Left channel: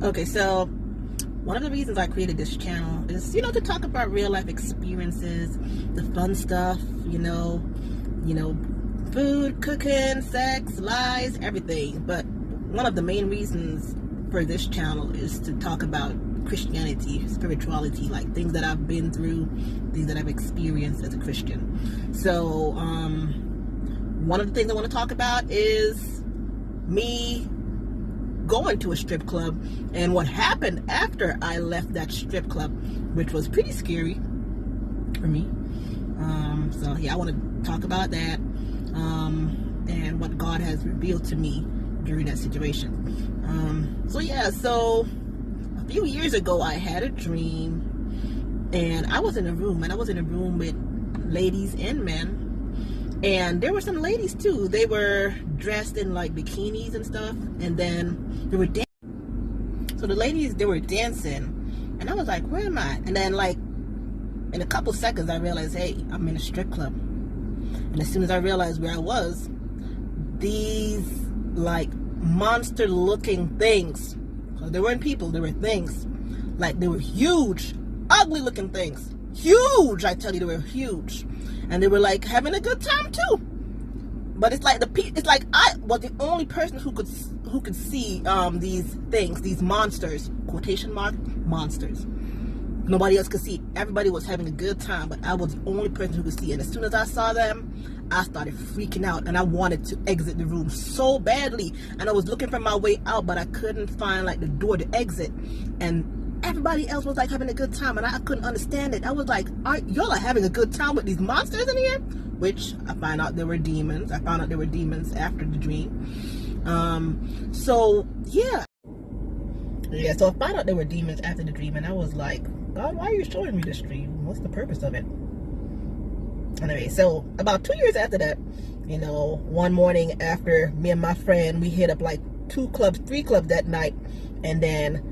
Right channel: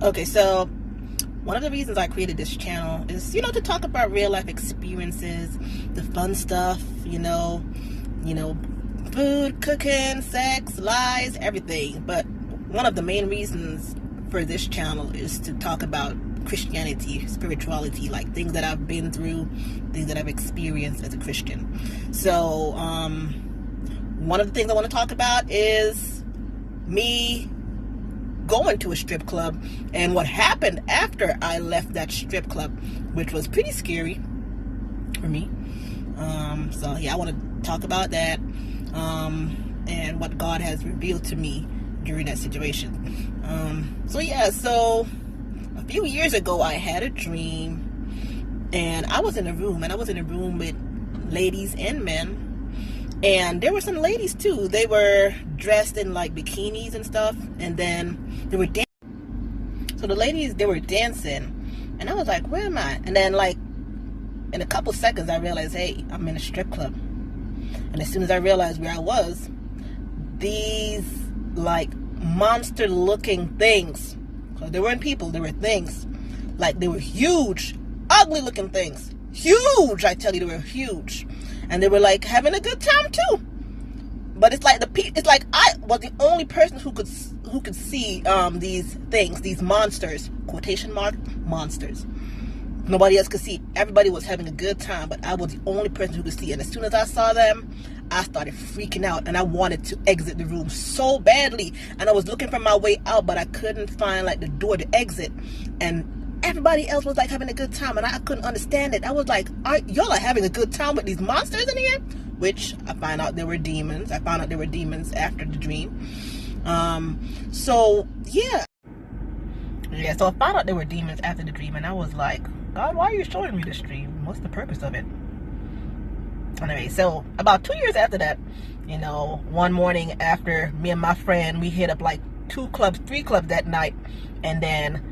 Okay, so one of the reasons I created this channel is, to talk about real life experiences, the fun stuff, food, cooking, sex, lies, everything. But one of the main reasons for this channel is to talk about Christianity, spirituality, like things that I've been through, things that I've experienced as a Christian. So, one of the things I want to talk about is me going to a strip club and what happened after I left that strip club, which was pretty scary for me. So yeah, I want to talk about that, and what God has revealed to me during that situation. So a few years ago, I had a dream, and I was in a room with ladies and men. And there were some ladies too. They were dressed in like bikinis and stuff. And then they were dancing. So the ladies, they were dancing. And I was like, where am I? And then like in a couple seconds, I realized, hey, I'm in a strip club. And as soon as I realized where I was, these like monster looking things. So they weren't people, they were things. Like they were huge, ugly looking things. Huge, I tell you, they were huge. And they were like having a good time too. But it's like I was the only person who could see these things, these monsters, quotation mark, monsters. Nobody else could see. Everybody was having a good time, but I was the only person who could see. And as soon as I saw them, I started freaking out, and I wanted to exit the room so badly. And I was looking for my way out, but I couldn't find like the door to exit. And everybody else was like having a good time, and I couldn't understand it. I was like, y'all are having a good time with these monsters in here? Which I found out they were demons. I found out they were demons after the dream. So I found out they were demons after the dream, and I was like, God, why are you showing me this dream? What's the purpose of it? Anyway, so about 2 years after that, one morning after me and my friend, we hit up like 3 clubs that night, and then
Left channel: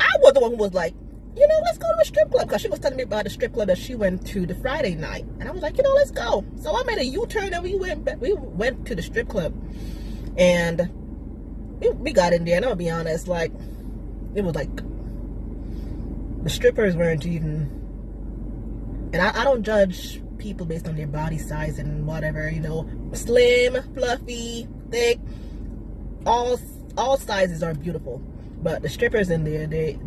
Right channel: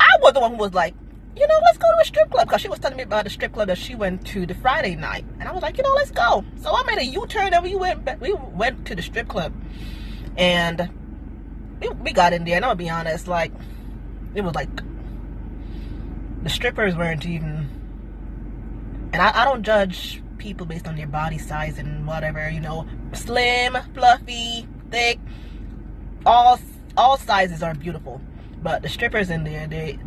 I was the one who was like, let's go to a strip club, because she was telling me about the strip club that she went to the Friday night. And I was like, let's go. So I made a U-turn and we went to the strip club. And we got in there, and I'll be honest, like, it was like, the strippers weren't even, and I don't judge people based on their body size and whatever, slim, fluffy, thick, all sizes are beautiful. But the strippers in there, they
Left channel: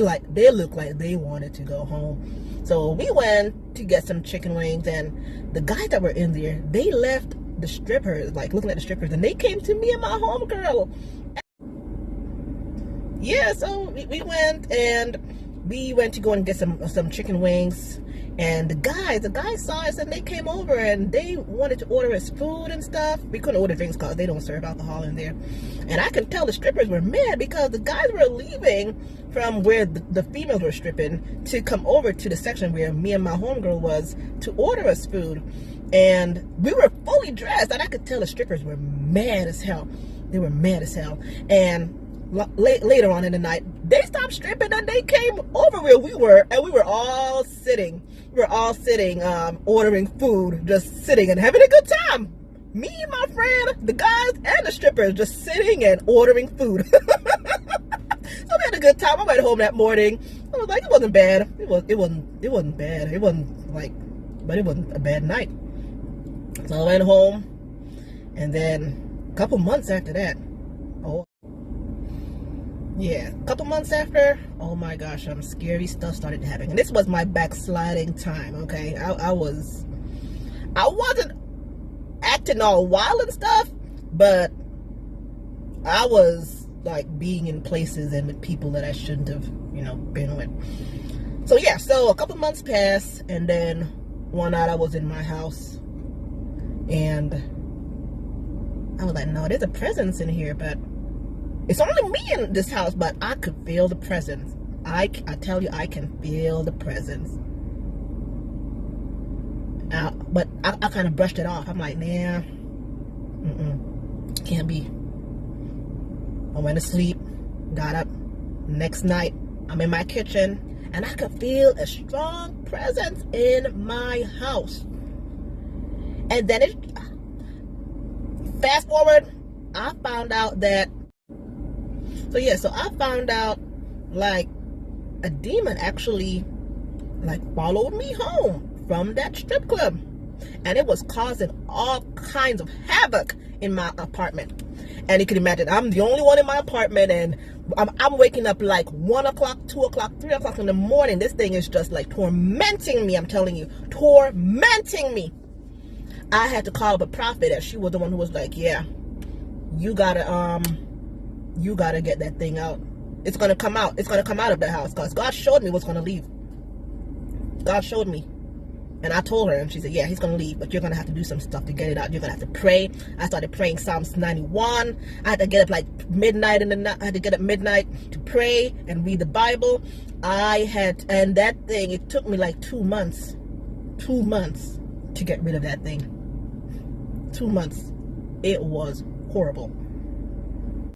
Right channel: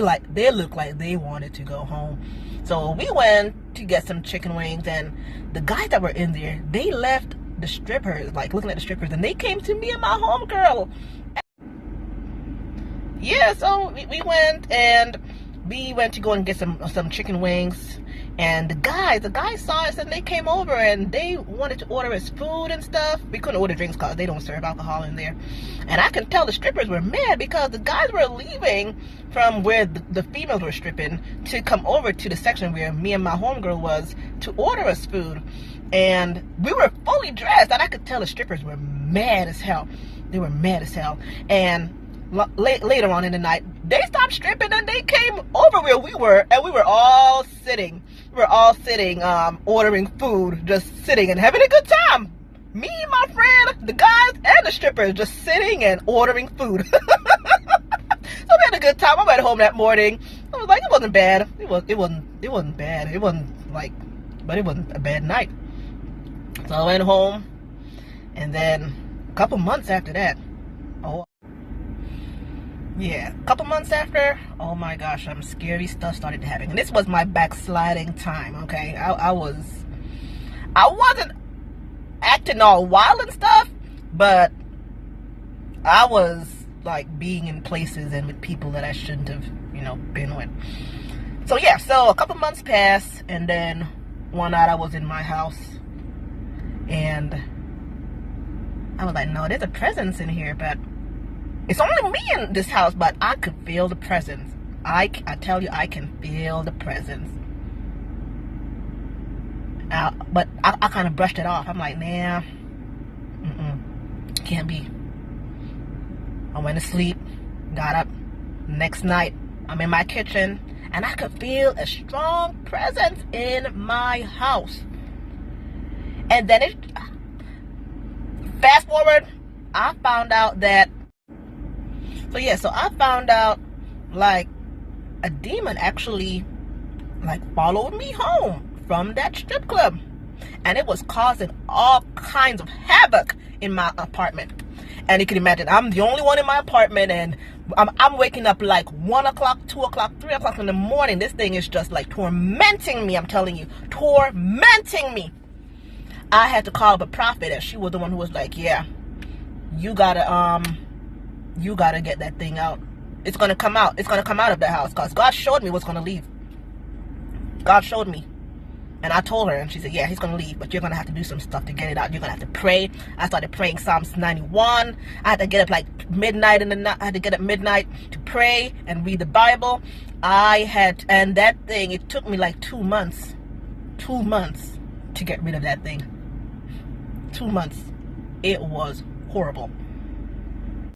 look like they wanted to go home. So we went to get some chicken wings, and the guys that were in there, they left the strippers, like looking at the strippers, and they came to me and my homegirl. Yeah, so we went, and we went to go and get some chicken wings. And the guys saw us, and they came over, and they wanted to order us food and stuff. We couldn't order drinks because they don't serve alcohol in there. And I can tell the strippers were mad because the guys were leaving from where the females were stripping to come over to the section where me and my homegirl was to order us food. And we were fully dressed, and I could tell the strippers were mad as hell. They were mad as hell. And later on in the night, they stopped stripping, and they came over where we were, and we were all sitting. Ordering food, just sitting and having a good time. Me, my friend, the guys, and the strippers just sitting and ordering food. So we had a good time. I went home that morning. I was like, it wasn't bad. It wasn't bad. It wasn't like, but it wasn't a bad night. So I went home, and then a couple months after that, oh my gosh, some scary stuff started happening. And this was my backsliding time, okay? I wasn't acting all wild and stuff, but I was like being in places and with people that I shouldn't have, been with. So a couple months passed, and then one night I was in my house, and I was like, no, there's a presence in here, but it's only me in this house, but I could feel the presence. I tell you, I can feel the presence. But I kind of brushed it off. I'm like, nah, can't be. I went to sleep, got up. Next night, I'm in my kitchen, and I could feel a strong presence in my house. And then fast forward, I found out that So yeah, so I found out like a demon actually like followed me home from that strip club, and it was causing all kinds of havoc in my apartment. And you can imagine, I'm the only one in my apartment, and I'm waking up like 1 o'clock, 2 o'clock, 3 o'clock in the morning. This thing is just like tormenting me. I'm telling you, tormenting me. I had to call up a prophet, and she was the one who was like, yeah, you gotta get that thing out. It's gonna come out. It's gonna come out of the house, because God showed me what's gonna leave. God showed me. And I told her, and she said, yeah, he's going to leave, but you're going to have to do some stuff to get it out. You're going to have to pray. I started praying Psalms 91. I had to get up like midnight in the night. I had to get up midnight to pray and read the Bible. And that thing, it took me like 2 months. 2 months to get rid of that thing. 2 months. It was horrible.